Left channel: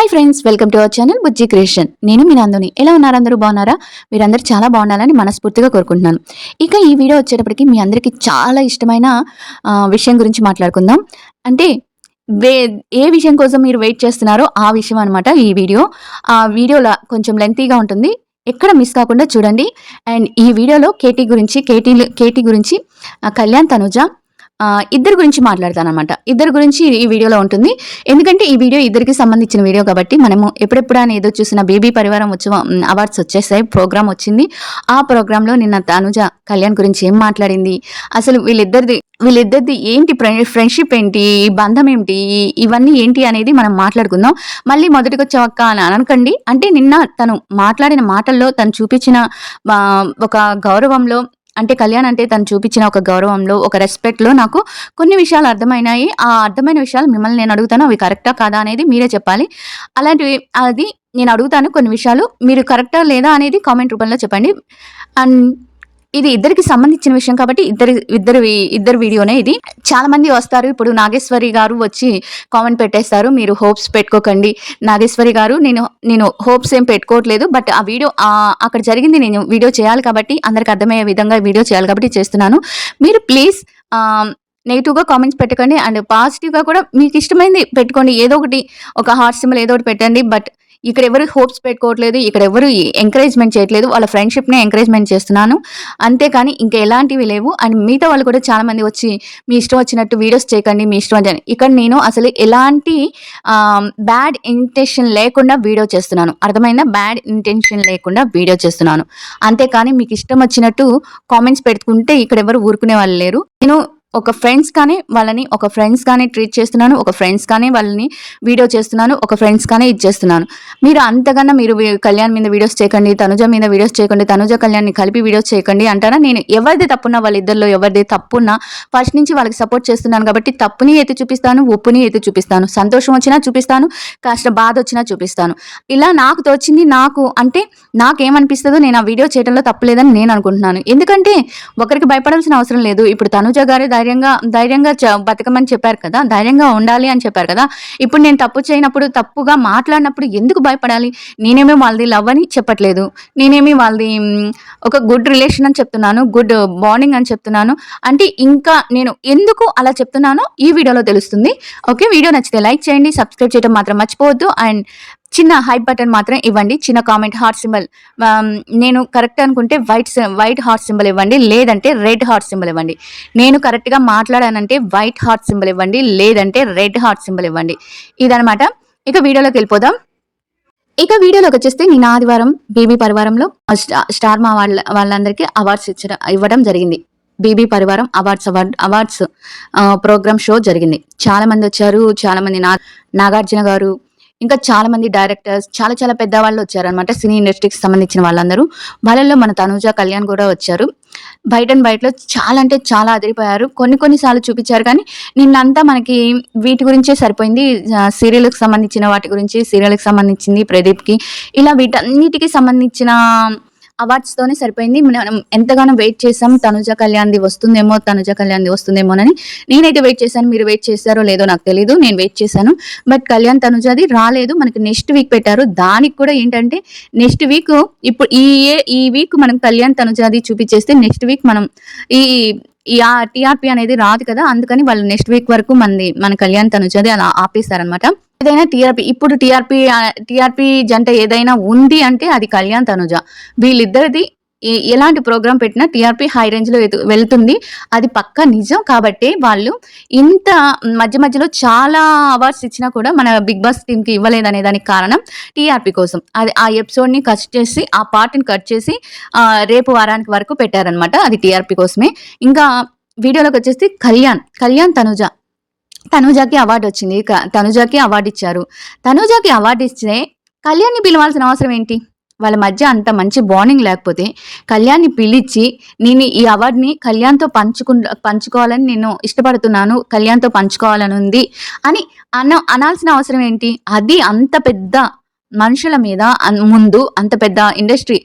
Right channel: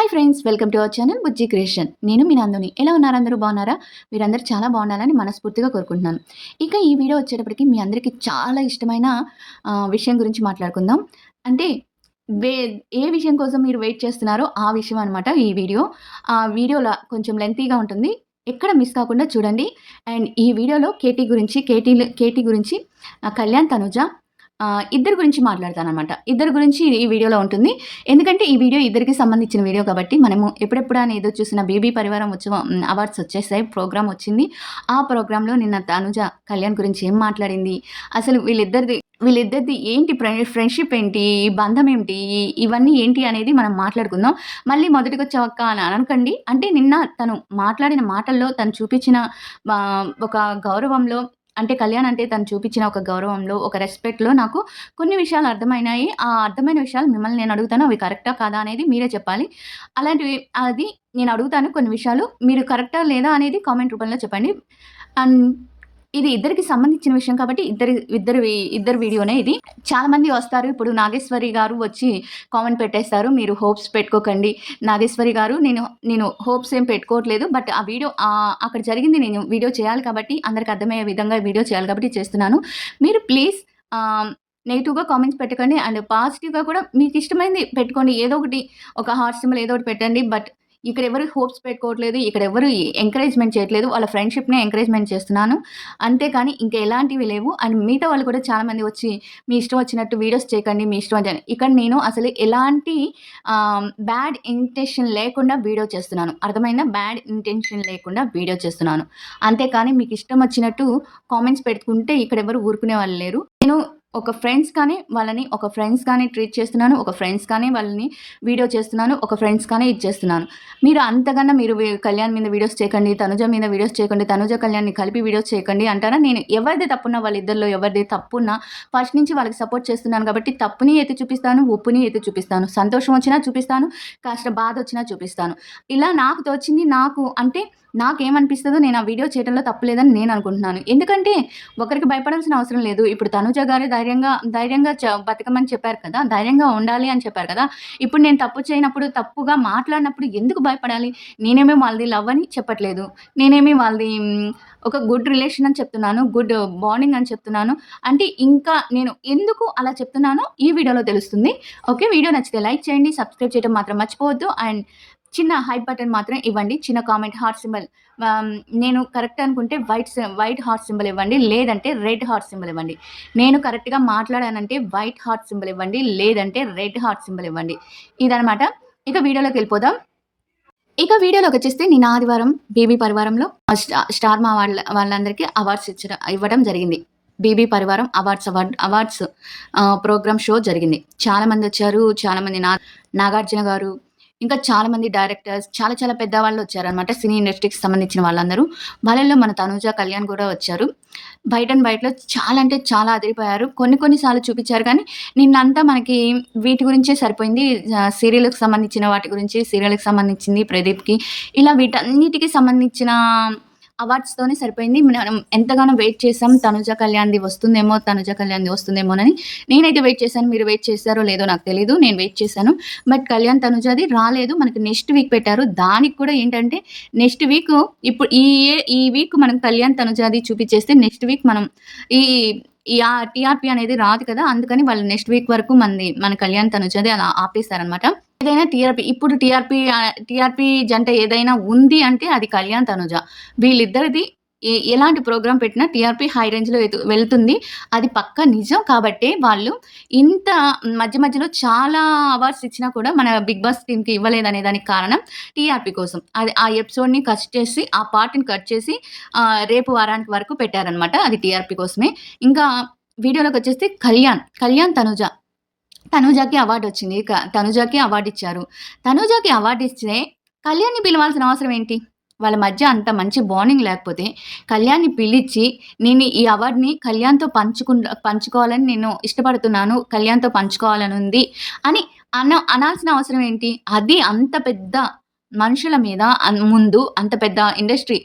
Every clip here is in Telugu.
Hi friends, welcome to our channel Bujji creation. నేను మీ నందుని. ఎలా ఉన్నారు? అందరూ బాగున్నారా? మీరందరూ చాలా బాగుండాలని మనస్ఫూర్తిగా కోరుకుంటున్నాను. ఇక ఈ వీడియో వచ్చేటప్పటికి మీ అందరికీ చాలా ఇష్టమైన విషయం గురించి మాట్లాడుకుందాం. అంటే వే ఏ విషయం కోసం మీరు వెయిట్ చేస్తున్నారో ఆ విషయం అనమాట ఈ వీడియో. ఆ వీడియోలో కొంచెం లెంతీగా ఉంటుంది. ఎక్కడ మిస్ కాకుండా చూడండి. అండ్ ఈ వీడియోలో కేటీ గురించి కళ్యాణ్, తనుజ ఇద్దరి గురించి మాట్లాడతాననమాట. ఇద్దరి గురించి ఈ వీడియోలో ఉంటుంది. ఎందుకంటే ఈ వీడియో ఇద్దరికి సంబంధించిన వీడియో కాబట్టి మనము ఎప్పుడెప్పుడు అని ఏదో చూసిన బేబీ పరివారం ఉత్సవం అవార్డ్స్ వచ్చేసాయి. ప్రోగ్రామ్ వచ్చింది. ఆ ప్రోగ్రాంలో నిన్న తనుజ కళ్యాణ్ గురించి ఏం మాట్లాడింది, అసలు వీళ్ళిద్దరిది ఏంటి, ఫ్రెండ్షిప్ ఏంటి, బంధం ఏంటి, ఇవన్నీ ఏంటి అనేది మనం మాట్లాడుకుందాం. మళ్ళీ మొదటికొచ్చావక్క అని అనకండి. అంటే నిన్న తను మాట్లాడిన మాటల్లో తను చూపించిన ఒక గౌరవంలో, అంటే కళ్యాణ్ అంటే తను చూపించిన ఒక గౌరవంలో, ఒక రెస్పెక్ట్‌లో నాకు కొన్ని విషయాలు అర్థమైనాయి. ఆ అర్థమైన విషయాలు మిమ్మల్ని నేను అడుగుతాను. అవి కరెక్టా? కాదా? అనేది మీరే చెప్పాలి. అలాంటివి నేను అడుగుతాను కొన్ని విషయాలు. మీరు కరెక్టా? లేదా? అనేది కామెంట్ రూపంలో చెప్పండి. అండ్ ఇది ఇద్దరికి సంబంధించిన విషయం కాబట్టి ఇద్దరి వీడియోనే ఇది. చాలా మంది వస్తారు. ఇప్పుడు నాగేశ్వరి గారు వచ్చి కామెంట్ పెట్టేస్తారు, మీరు హోప్స్ పెట్టుకోకండి. నాగేశ్వరి గారు, నేను హోప్స్ ఏం పెట్టుకోవట్లేదు. బట్ ఆ వీడియో అక్కడ జరిగింది, నేను వీడియో చేయాలి కాబట్టి, అందరికి అర్థమయ్యే విధంగా వీడియో చేయాలి కాబట్టి చేస్తున్నాను. మీరు ప్లీజ్ నెగిటివ్గా కామెంట్స్ పెట్టకండి. అండ్ పాజిటివ్గా కూడా మీకు ఇష్టమైంది పెట్టుకోండి. ఏదో ఒకటి, ఒక హార్ట్ సింబల్ ఏదో ఒకటి పెట్టండి. బట్ ఇక్కడ ఎవరు హోప్స్ పెట్టుకోవట్లేదు, ఇక్కడ ఎవరు ఎంకరేజ్మెంట్ చేయట్లేదు. వాళ్ళ ఫ్రెండ్షిప్నే ఎంకరేజ్మెంట్ చేస్తున్నాను, అంతేకాని ఇంకా ఎలాంటివి లేవు. అండ్ మిగతా వాళ్ళు కూడా చాలా మంది వచ్చి మీ ఇష్టం వచ్చినట్టు వీడియోస్ చేయకండి, మీ ఇష్టం అని. ఇక్కడ నేను అసలు ఎలాంటి బ్యాడ్ ఇంటెన్షన్ లేకుండా వీడియో చేస్తున్నాను. అర్థమైందా? బ్యాడ్ ఇంటెన్షన్ లేకుండా వీడియో చేస్తున్నాను, అంతేకాని మీకు ఇష్టం వచ్చినట్టు కామెంట్స్ పెట్టుకుంటే ఇక్కడ ఎవరు ఊరుకునే వాళ్ళు లేరు. నేను ఒక ఫ్రెండ్స్ గానే ట్రీట్ చేస్తున్నాను, ఒక ఫ్రెండ్స్ గానే వాళ్ళని వీడియో చేస్తున్నాను, ఒక ఫ్రెండ్స్ గానే ఇది చేస్తున్నాను. మీరు అంతకన్నా మీరు కళ్యాణ్ మీద వీడియోస్ చేయకండి, తనుజ మీద వీడియోస్ చేయకండి, తనుజ కళ్యాణ్ని కలిపి వీడియోస్ చేయకండి అంటారా? నేను ఎవరిది తప్పున్నా, వాళ్ళిద్దరిలో ఎవరిది తప్పున్నా ఫస్ట్ నుంచి వాళ్ళకి సపోర్ట్ చేస్తున్నాను కాబట్టి తప్పుని ఎత్తి చూపిస్తాను, ఒప్పుని ఎత్తి చూపిస్తాను. సంతోషం వచ్చినా చూపిస్తాను, కాస్త బాధ వచ్చినా చూపిస్తాను. ఇలా నాకు తోచింది, నాకేమనిపిస్తుందో నేను ఆ వీడియో చేయడంలో తప్పులేదని నేను అనుకుంటున్నాను. ఎందుకంటే ఒకరికి భయపడాల్సిన అవసరం లేదు. ఇప్పుడు తనుజ గారే ధైర్యంగా బతకమని చెప్పారు కదా, ధైర్యంగా ఉండాలి అని చెప్పారు కదా. ఇప్పుడు నేను తప్పు చేయనప్పుడు, తప్పుగా మాట్లాడినప్పుడు ఎందుకు భయపడాలి? నేనేమి వాళ్ళది లవ్ అని చెప్పట్లేదు, నేనేమి వాళ్ళది ఒక గుడ్ రిలేషన్ అని చెప్తున్నాను, గుడ్ బాండింగ్ అని చెప్తున్నాను. అంటే ఇంకా నేను ఎందుకు అలా చెప్తున్నానో ఈ వీడియోలో తెలుస్తుంది. ఓకే, వీడియో నచ్చితే లైక్ చేయండి, సబ్స్క్రైబ్ చేయడం మాత్రం మర్చిపోవద్దు. అండ్ చిన్న హైప్ బటన్ మాత్రం ఇవ్వండి, చిన్న కామెంట్, హార్ట్ సింబల్. నేను కరెక్ట్ అనుకుంటే వైట్ హార్ట్ సింబల్ ఇవ్వండి, లేదంటే రెడ్ హార్ట్ సింబల్ ఇవ్వండి. నేను కరెక్ట్గా మాట్లాడానంటే వైట్ హార్ట్ సింబల్ ఇవ్వండి, లేదంటే రెడ్ హార్ట్ సింబల్ ఇవ్వండి. ఇదనమాట. ఇక వీడియోలోకి వెళ్ళిపోదాం. ఇక వీడియోలోకి వచ్చేస్తే నేను ఆదివారం బేబీ పరివారంలో స్టార్ మా వాళ్ళందరికీ అవార్డ్స్ ఇవ్వడం జరిగింది. బేబీ పరివారం అవార్డ్స్ ప్రోగ్రామ్ షో జరిగింది. చాలా మంది వచ్చారు. చాలా మంది నాగార్జున గారు, ఇంకా చాలా మంది డైరెక్టర్స్, చాలా చాలా పెద్దవాళ్ళు వచ్చారనమాట. సినీ ఇండస్ట్రీకి సంబంధించిన వాళ్ళందరూ. వాళ్ళల్లో మన తనుజ, కళ్యాణ్ కూడా వచ్చారు. బయటలో చాలా అంటే చాలా అదిరిపోయారు. కొన్నిసార్లు చూపించారు కానీ నిన్నంతా మనకి వీటి గురించే సరిపోయింది. సీరియల్కి సంబంధించిన వాటి గురించి, సీరియల్కి సంబంధించింది ప్రదీప్కి, ఇలా వీటన్నిటికీ సంబంధించిన అవార్డ్స్తోనే సరిపోయింది. మనం ఎంతగానో వెయిట్ చేసాం, తనుజ కళ్యాణ్ది వస్తుందేమోనని. నేనైతే వెయిట్ చేశాను. మీరు వెయిట్ చేశారో లేదో నాకు తెలీదు, నేను వెయిట్ చేశాను. బట్ కళ్యాణ్ తనుజది రాలేదు. మనకి నెక్స్ట్ వీక్ పెట్టారు. దానికి కూడా ఏంటంటే నెక్స్ట్ వీక్, ఇప్పుడు ఈ వీక్ మనం కళ్యాణ్ తనుజది చూపించేస్తే నెక్స్ట్ వీక్ మనం ఈ టీఆర్పీ అనేది రాదు కదా, అందుకని నెక్స్ట్ వీక్ వరకు మన కళ్యాణ్ తనుజది అలా ఆపేస్తారనమాట. ఏదైనా ఇప్పుడు టీఆర్పీ జంట ఏదైనా ఉంది అంటే అది కళ్యాణ్ తనుజ. వీళ్ళిద్దరిది ఎలాంటి ప్రోగ్రామ్ పెట్టినా టీఆర్పీ హై రేంజ్ లో వెళ్తుంది, అది పక్కా నిజం. కాబట్టి వాళ్ళు ఇంత మధ్యలో చాలా అవార్డ్స్ ఇచ్చినా కూడా మన బిగ్ బాస్ టీమ్ కి ఇవ్వలేదనే దానికి కారణం టీఆర్పీ కోసం. అది ఆ ఎపిసోడ్ ని కట్ చేసి, ఆ పార్ట్ ని కట్ చేసి రేపు వారానికి వరకు పెట్టారనమాట. అది టీఆర్పీ కోసమే. ఇంకా వీడియోలోకి వచ్చేసి కళ్యాణ్ తనుజాకి అవార్డు వచ్చింది. తనుజాకి అవార్డు ఇచ్చారు. తనుజాకి అవార్డు ఇస్తే కళ్యాణ్ని పిలవాల్సిన అవసరం ఏంటి? వాళ్ళ మధ్య అంత మంచి బాండింగ్ లేకపోతే కళ్యాణ్ని పిలిచి, నేను ఈ అవార్డుని కళ్యాణ్తో పంచుకోవాలని నేను ఇష్టపడుతున్నాను, కళ్యాణ్తో పంచుకోవాలని ఉంది అని అనాల్సిన అవసరం ఏంటి? అది అంత పెద్ద మనుషుల మీద ముందు, అంత పెద్ద ఇండస్ట్రీ,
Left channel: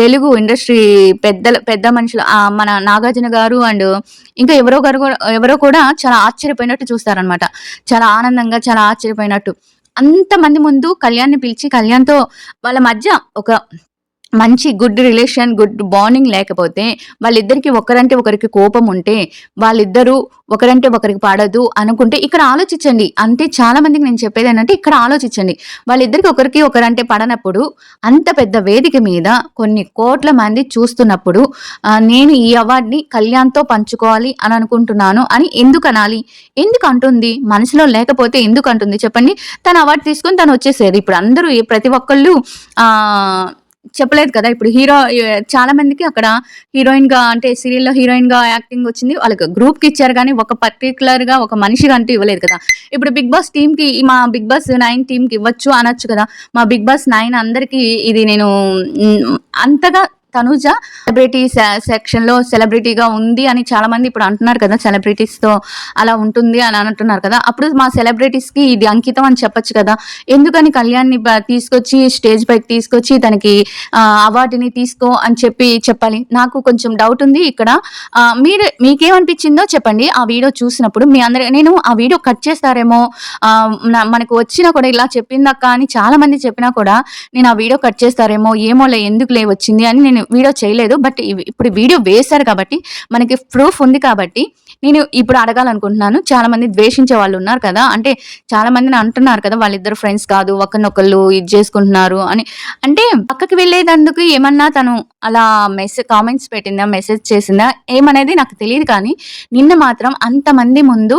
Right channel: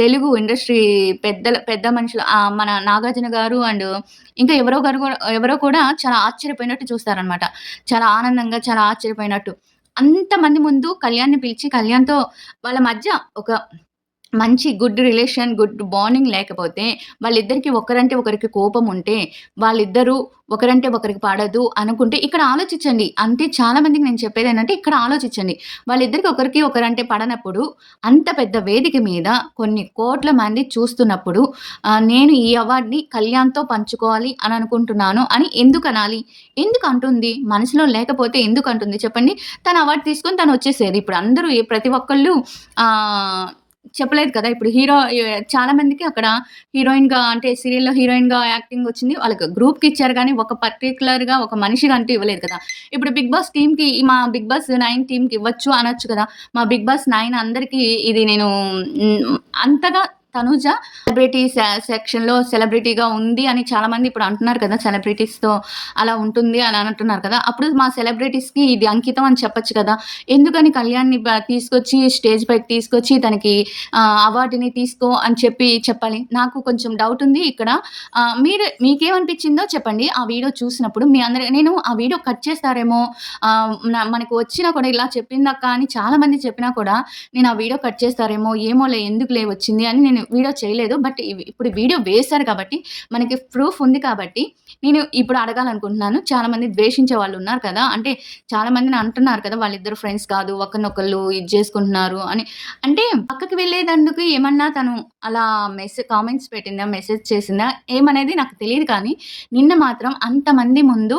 తెలుగు ఇండస్ట్రీ పెద్ద మనుషులు, మన నాగార్జున గారు అండ్ ఇంకా ఎవరో కూడా చాలా ఆశ్చర్యపోయినట్టు చూస్తారనమాట. చాలా ఆనందంగా, చాలా ఆశ్చర్యపోయినట్టు. అంతమంది ముందు కళ్యాణ్‌ని పిలిచి కళ్యాణ్‌తో వాళ్ళ మధ్య ఒక మంచి గుడ్ రిలేషన్, గుడ్ బాండింగ్ లేకపోతే, వాళ్ళిద్దరికీ ఒకరంటే ఒకరికి కోపం ఉంటే, వాళ్ళిద్దరూ ఒకరంటే ఒకరికి పడదు అనుకుంటే ఇక్కడ ఆలోచించండి. అంటే చాలా మందికి నేను చెప్పేదేంటంటే ఇక్కడ ఆలోచించండి. వాళ్ళిద్దరికి ఒకరికి ఒకరంటే పడనప్పుడు, అంత పెద్ద వేదిక మీద కొన్ని కోట్ల మంది చూస్తున్నప్పుడు నేను ఈ అవార్డ్‌ని కళ్యాణ్‌తో పంచుకోవాలి అని అనుకుంటున్నాను అని ఎందుకనాలి? ఎందుకంటుంది? మనసులో లేకపోతే ఎందుకంటుంది చెప్పండి? తను అవార్డ్ తీసుకొని తనొచ్చేసేది. ఇప్పుడు అందరూ ప్రతి ఒక్కళ్ళు ఆహ్ చెప్పలేదు కదా! ఇప్పుడు చాలా మందికి అక్కడ హీరోయిన్‌గా అంటే సీరియల్‌లో హీరోయిన్‌గా యాక్టింగ్ వచ్చింది. వాళ్ళకి గ్రూప్‌కి ఇచ్చారు గానీ, ఒక పర్టిక్యులర్‌గా ఒక మనిషిగా అంటూ ఇవ్వలేదు కదా! ఇప్పుడు 'బిగ్ బాస్' టీమ్‌కి మా 'బిగ్ బాస్ 9' టీమ్‌కి ఇవ్వచ్చు అనొచ్చు కదా! మా 'బిగ్ బాస్ 9' అందరికీ ఇది నేను అంతగా తనూజ సెలబ్రిటీ సెక్షన్‌లో సెలబ్రిటీగా ఉంది అని చాలామంది ఇప్పుడు అంటున్నారు కదా! సెలబ్రిటీస్‌తో అలా ఉంటుంది అని అంటున్నారు కదా! అప్పుడు మా సెలబ్రిటీస్‌కి ఇది అంకితం అని చెప్పొచ్చు కదా! ఎందుకని కళ్యాణ్‌ని తీసుకొచ్చి స్టేజ్ పైకి తీసుకొచ్చి తనకి అవార్డుని తీసుకో అని చెప్పాలి. నాకు కొంచెం డౌట్ ఉంది ఇక్కడ. మీకేమనిపించిందో చెప్పండి. ఆ వీడియో చూసినప్పుడు నేను ఆ వీడియో కట్ చేస్తారేమో మనకు వచ్చినా కూడా ఇలా చెప్పిందక్క అని చాలామంది చెప్పినా కూడా నేను ఆ వీడియో కట్ చేస్తారేమో, ఏమోలే ఎందుకులే వచ్చింది అని నేను వీడియో చేయలేదు. బట్ ఇప్పుడు వీడియో వేశారు కాబట్టి, మనకి ప్రూఫ్ ఉంది కాబట్టి, నేను ఇప్పుడు అడగాలనుకుంటున్నాను. చాలామంది ద్వేషించే వాళ్ళున్నారు కదా! అంటే చాలామందిని అంటున్నారు కదా! వాళ్ళిద్దరు ఫ్రెండ్స్ కాదు. ఒకరినొకళ్ళు ఇది చేసుకుంటున్నారు అని. అంటే పక్కకి వెళ్ళేదందుకు ఏమన్నా తను అలా కామెంట్స్ పెట్టిందా? మెసేజ్ చేసిందా? ఏమనేది నాకు తెలీదు కానీ, నిన్న మాత్రం అంతమంది ముందు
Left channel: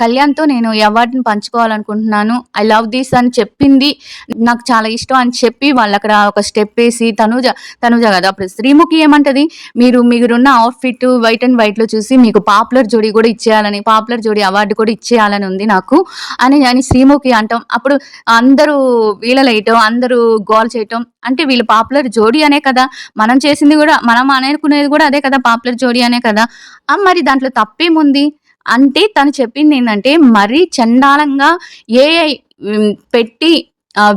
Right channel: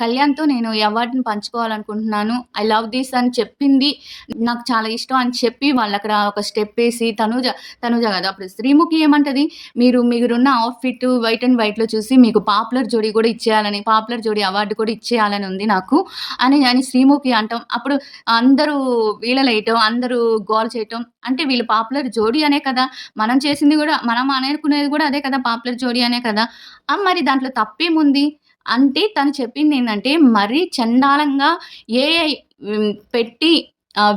కళ్యాణ్‌తో నేను ఈ అవార్డ్‌ని పంచుకోవాలనుకుంటున్నాను. ఐ లవ్ థిస్ అని చెప్పింది. నాకు చాలా ఇష్టం అని చెప్పి వాళ్ళక్కడ ఒక స్టెప్పేసి తనూజ కాదు. అప్పుడు శ్రీముఖి ఏమంటది? మీరున్న అవుట్‌ఫిట్ వైట్ అండ్ వైట్‌లో చూసి మీకు పాపులర్ జోడీ కూడా ఇచ్చేయాలని, పాపులర్ జోడీ అవార్డ్ కూడా ఇచ్చేయాలని ఉంది నాకు అని శ్రీముఖి అంటాం. అప్పుడు అందరూ వీలలేయటం, అందరూ గోల చేయటం. అంటే వీళ్ళు పాపులర్ జోడీ అనే కదా! మనం చేసింది గూడా మనం అనుకునేది గూడా అదే కదా! పాపులర్ జోడీ అనే కదా! మరి దాంట్లో తప్పేముంది? అంటే తను చెప్పిందేంటంటే మరీ చండాలంగా ఏఐ పెట్టి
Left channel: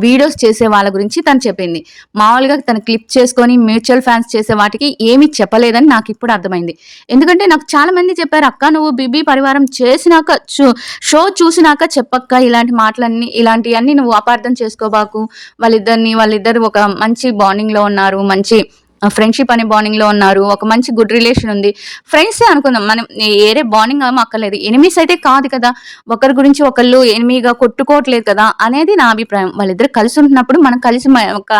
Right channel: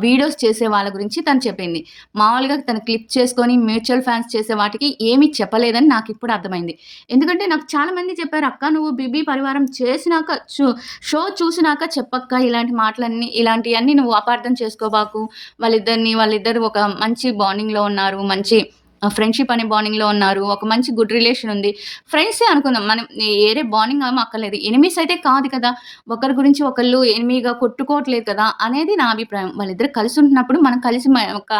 వీడియోస్ చేసే వాళ్ళ గురించి తను చెప్పింది. మామూలుగా తను క్లిప్ చేసుకొని మ్యూచువల్ ఫాన్స్ చేసే వాటికి ఏమి చెప్పలేదని నాకిప్పుడు అర్థమైంది. ఎందుకంటే నాకు చాలా మంది చెప్పారు, "అక్క నువ్వు 'బీబీ పరివారం' చేసినాక షో చూసినాక చెప్పక్క ఇలాంటి మాటలన్నీ, ఇలాంటియన్నీ నువ్వు అపార్థం చేసుకోబాకు. వాళ్ళిద్దరు ఒక మంచి బాండింగ్‌లో ఉన్నారు. మంచి ఫ్రెండ్‌షిప్ అనే బాండింగ్‌లో ఉన్నారు. ఒక మంచి గుడ్ రిలేషన్ ఉంది. ఫ్రెండ్సే అనుకుందాం. మనం ఏరే బాండింగ్ ఏమో అక్కర్లేదు. ఎనిమీస్ అయితే కాదు కదా! ఒకరి గురించి ఒకళ్ళు ఎనిమీగా కొట్టుకోవట్లేదు కదా! అనేది నా అభిప్రాయం. వాళ్ళిద్దరు కలిసి ఉంటున్నప్పుడు మనం కలిసి ఒక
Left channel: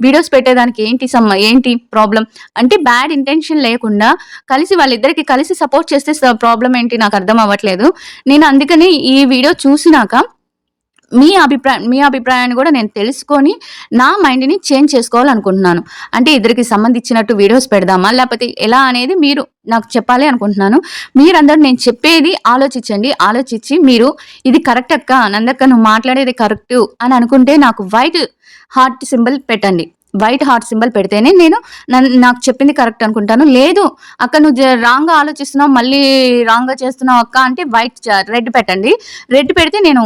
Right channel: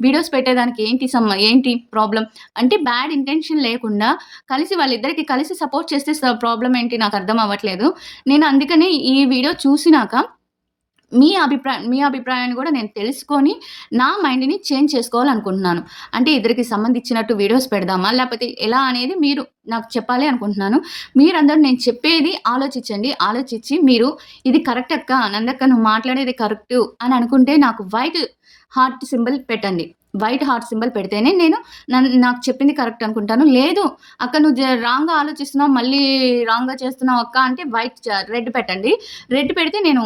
వీడియోస్ పెట్టేదానికి ఏంటి ప్రాబ్లమ్? అంటే బ్యాడ్ ఇంటెన్షన్ లేకుండా వాళ్ళిద్దరికి కలిసి సపోర్ట్ చేస్తే ప్రాబ్లమ్ ఏంటి నాకు అర్థం అవ్వట్లేదు. నేను అందుకని ఈ వీడియో చూసినాక మీ అభిప్రాయాన్ని గూడా నేను తెలుసుకొని, నా మైండ్‌ని చేంజ్ చేసుకోవాలనుకుంటున్నాను. అంటే ఇద్దరికి సంబంధించినట్టు వీడియోస్ పెడదామా? లేపోతే ఎలా అనేది మీరు నాకు చెప్పాలి అనుకుంటున్నాను. మీరందరూ నేను చెప్పేది ఆలోచించండి. ఆలోచించి మీరు ఇది కరెక్ట్ అక్క, నందక్క నువ్వు మాట్లాడేది కరెక్టు అని అనుకుంటే నాకు వైట్ హార్ట్ సింబల్ పెట్టండి. వైట్ హార్ట్ సింబల్ పెడితేనే నేను నాకు చెప్పింది కరెక్ట్ అనుకుంటాను. లేదు అక్క నువ్వు రాంగ్‌గా ఆలోచిస్తున్నావు, మళ్ళీ రాంగ్‌గా చేస్తున్నావు అక్క అంటే రెడ్ పెట్టండి. రెడ్ పెడితే నేను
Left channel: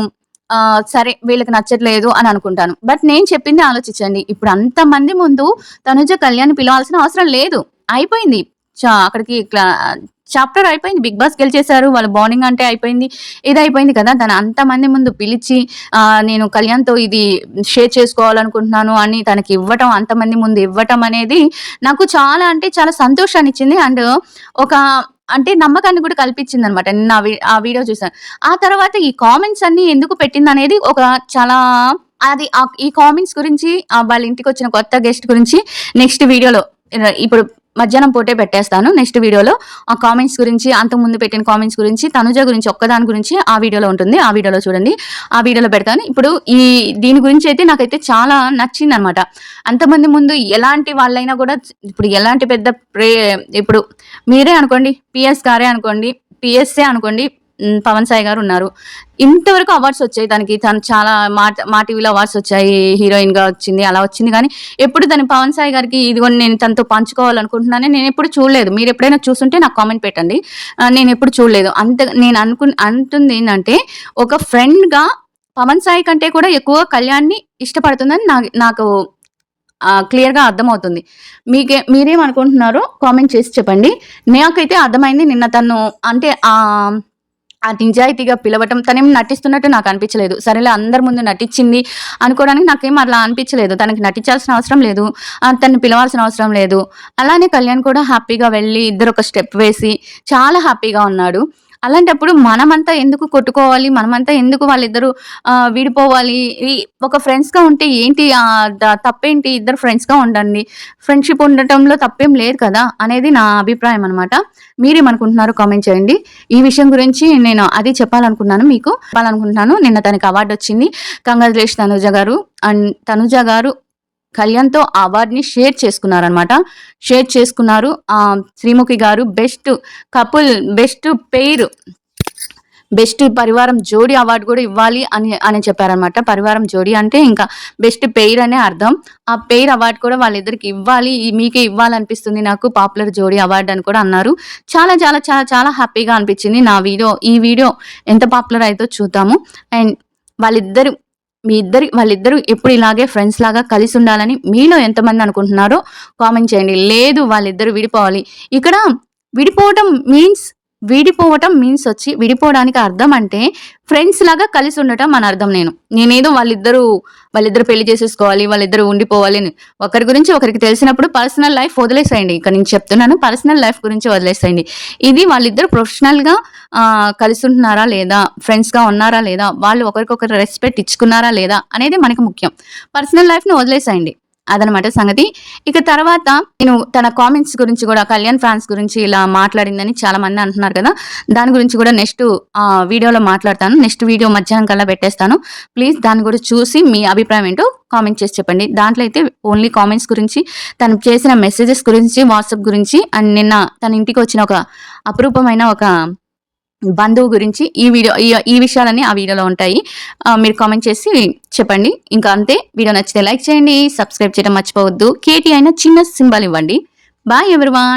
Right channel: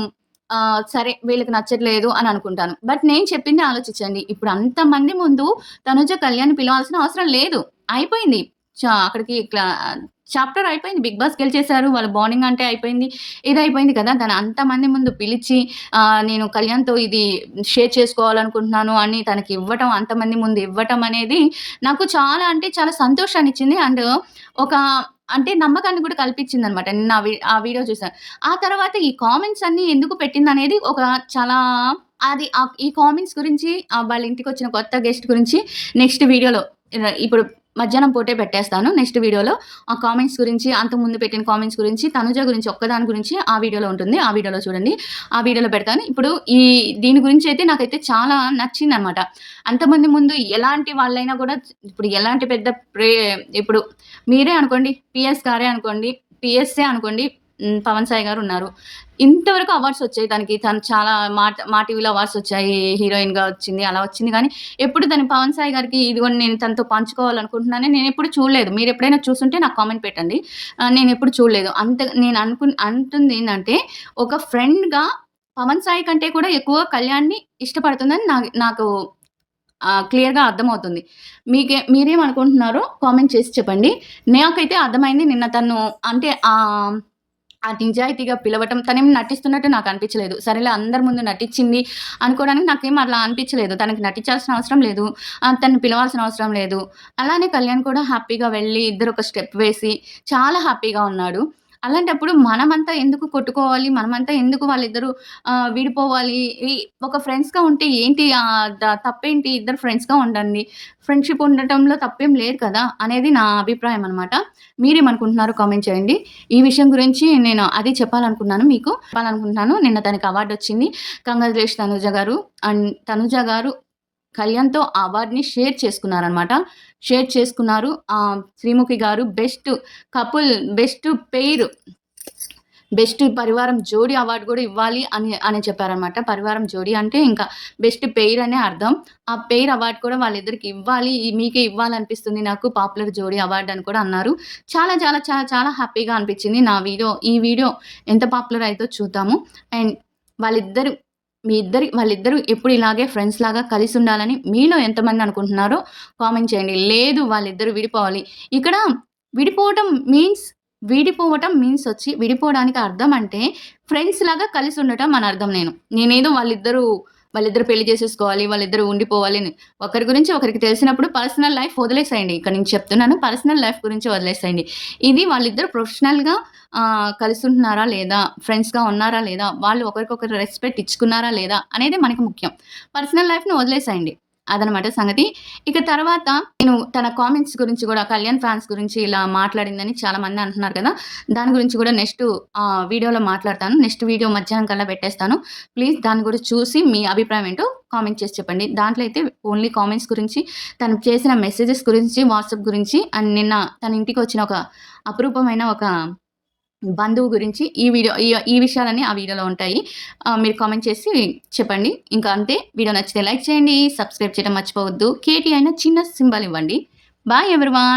సరే వీళ్ళకి నచ్చట్లేదు అని అనుకుంటాను. బట్ నేను చెప్పింది ఆలోచించండి. ఇప్పుడు అంతమంది ముందు తనుజ కళ్యాణ్‌ని పిలవాల్సిన అవసరం లేదు. అయిపోయింది. అక్కడికి చాప్టర్ అయిపోయింది. 'బిగ్ బాస్' గెలిచేసారు. వాళ్ళ బాండింగ్ అంటే అయిపోయింది. ఇదయిపోయింది కదా! తను అంతమంది ముందు పిలిచి నేను కళ్యాణ్‌తో ఇది షేర్ చేసుకోవాలనుకుంటున్నాను అని తనకి ఇవ్వటం, అంతమంది ముందు ఇవ్వటం అనేది నాకు చాలా అంటే చాలా సంతోషాన్నిచ్చింది. అండ్ ఒక అంటే నమ్మకాన్ని కూడా కల్పించిందనమాట. నిన్న ఆ వీడియో చూసాను. ఆ తర్వాత ఈ కామెంట్స్ అన్నీ ఎందుకు పెట్టిందనేది ఒక చాలా ఈ కామెంట్స్ గురించి వాళ్ళ ఇంటికొచ్చిన కొత్త గెస్ట్ గురించి నెక్స్ట్ వీడియోలో ఇప్పుడు మధ్యాహ్నం పూటే పెట్టేస్తాను. నెక్స్ట్ వీడియోలో ఆ కామెంట్స్ గురించి, అంతకుముందు పెట్టిన కామెంట్స్ గురించి, తనుజ గురించి ఒక్కదాని గురించి ఆ వీడియోలో ఉంటుంది. ఆ వీడియోలో చూడండి. ఆ వీడియోలో పెడతాను. ఇప్పుడు దీని గురించి అయితే నాకైతే చాలా నచ్చిందనమాట. అంతమంది ముందు ఎలాంటి వాళ్ళైనా కూడా ఇప్పుడు ఎలాంటి పెద్ద ఇప్పుడు మీరే అనుకోండి, పీఎస్ గారే అనుకోండి, పీఎస్సే అనుకోండి, పవన్ సాయి గారు ఉన్నారు. ఇంతవరకు అవార్డ్స్ వచ్చాయి తనకి. తను చాలా మా టీవీలో అవార్డ్స్ వచ్చాయి. హీరోయిన్‌గా వచ్చింది. అలా వచ్చింది గానీ, ఎప్పుడు తను పవన్ సాయి గారికి ఇదిగోండి నేను తనతో పంచుకోవాలనుకుంటున్నానని నేనెప్పుడు చూడలేదు. మీరెప్పుడైనా చూసుంటే నాకు కామెంట్ పెట్టండి. నేనెప్పుడు చూడలేదు. నేను అంటుందేంటంటే, ఒక ఫ్రెండ్‌గా పవన్ సాయి కంటే కూడా ఎక్కువ కళ్యాణ్‌ని ఇష్టపడుతుందని నాకు క్లియర్‌గా అర్థమవుతుంది. మీరేమనుకుంటున్నారో కామెంట్ చేసి చెప్పండి. నాకైతే అర్థమైంది నిన్న తను అంటే ఆ నిజాయితీగా పిలవటం తనేం నటిస్తున్నట్టు నాకు అనిపించలేదు. సరేలే అందరి ముందు నటించింది అనుకోవడానికి నాకేం అట్లా అనిపించలేదు. తనకి నటించాల్సిన అవసరం లేదు. తనని పిలవాల్సిన అవసరం లేదు. అలానే కళ్యాణ్ కూడా హ్యాపీగా వెళ్ళి ఇద్దరు ఒక స్టెప్ వేసి చాలా హ్యాపీగా ఉన్నాడు. అలాంటప్పుడు మనమంతా ఎందుకు కొట్టుకోవాలి? మనమంతా ఎందుకు వాళ్ళిద్దరూ విడిపోవాలి? ఈ ఒక ఫ్రెండ్స్‌గా ఉంటే ఏంటి తప్పేంటి? ఇద్దరు ఫ్రెండ్స్‌గా ఉండండి. ఫ్రెండ్‌షిప్ ఉండటంలో తప్పేం లేదు కదా! అనేది నా అభిప్రాయం అనమాట. మీరేమనుకుంటున్నారో కామెంట్ చేయండి. ఈ విషయం గురించి నేను అది చెప్పాలనుకున్నాను మీకు. చెప్పాలనుకుంటున్నాను. నిన్న తనకి అవార్డొచ్చింది. కంగ్రాచ్యులేషన్ తనుజ గారు. అండ్ తనుజ గారు కళ్యాణ్‌తో ఆ అవార్డ్‌ని షేర్ చేసుకున్నారనమాట. షేర్ చేసుకున్నారు. శ్రీముఖి గారు best couple, best pair, best పరివారం జోడీ అవార్డ్ కూడా ఇవ్వాలి అని చెప్పారనమాట. పరివారం జోడీ అంటే ఇంకా బెస్ట్ పెయిర్ అనే అర్థం. ఆ పెయిర్ అవార్డ్ కూడా వాళ్ళిద్దరికి ఇవ్వాలి. మీకే ఇవ్వాలనిపిస్తుంది నాకు పాపులర్ జోడీ అవార్డ్ అని కూడా అన్నారు. చాలా చాలా చాలా చాలా హ్యాపీగా అనిపించింది. ఈ వీడియో ఎంత పాపులర్ అయిద్దో చూద్దాము. అండ్ వాళ్ళిద్దరు వాళ్ళిద్దరూ ఎప్పుడు ఇలాగే ఫ్రెండ్స్ లాగా కలిసి ఉండాలని మీలో ఎంతమంది అనుకుంటున్నారో కామెంట్ చేయండి. లేదు వాళ్ళిద్దరూ విడిపోవాలి. ఇక్కడ విడిపోవటం మీన్స్ విడిపోవడానికి అర్థం అంటే ఫ్రెండ్స్ లాగా కలిసి ఉండటం అని అర్థం. నేనేదో వాళ్ళిద్దరు పెళ్లి చేసేసుకోవాలి, వాళ్ళిద్దరూ ఉండిపోవాలి అని. ఒకరి గురించి ఒకరికి తెలిసినప్పుడు పర్సనల్ లైఫ్ వదిలేసేయండి. ఇక నేను చెప్తున్నాను పర్సనల్ లైఫ్ గురించి వదిలేసేయండి. ఇది వాళ్ళిద్దరు ప్రొఫెషనల్‌గా కలిసి ఉంటున్నారా లేదా? ఫ్రెండ్స్‌గా ఉన్నారా లేదా? వాళ్ళు ఒకరికొకరు రెస్పెక్ట్ ఇచ్చుకున్నారా లేదా? అనేది మనకు ముఖ్యం. పర్సనల్ లైఫ్‌ని వదిలేసేయండి. అదనమాట సంగతి. ఇక తర్వాత నేను తన కామెంట్స్ గురించి గూడా కళ్యాణ్ ఫ్యాన్స్ గురించి ఇలా మాట్లాడిందని చాలా మంది అంటున్నారు కదా! దాని గురించి కూడా నెక్స్ట్ వీడియోలో మాట్లాడతాను. నెక్స్ట్ వీడియో మధ్యాహ్నం కల్లా పెట్టేస్తాను. ప్లీజ్ దాన్ని కూడా చూసి మీ అభిప్రాయం ఏంటో కామెంట్ చేసి చెప్పండి. దాంట్లో అయితే ఓన్లీ కామెంట్స్ గురించి, తను చేసిన మెసేజెస్ గురించి, వాట్సాప్ గురించి అండ్ నిన్న తన ఇంటికి వచ్చిన ఒక అపురూపమైన ఒక బంధువు గురించి ఈ విషయాలన్నీ ఆ వీడియోలో ఉంటాయి. మీరు కామెంట్ చేసి చెప్పండి. ఇంకా అంతే. వీడియో నచ్చితే లైక్ చేయండి. సబ్స్క్రైబ్ చేయడం మర్చిపోవద్దు. కేటీ అయిన చిన్న సింబల్ ఇవ్వండి. Bye everyone.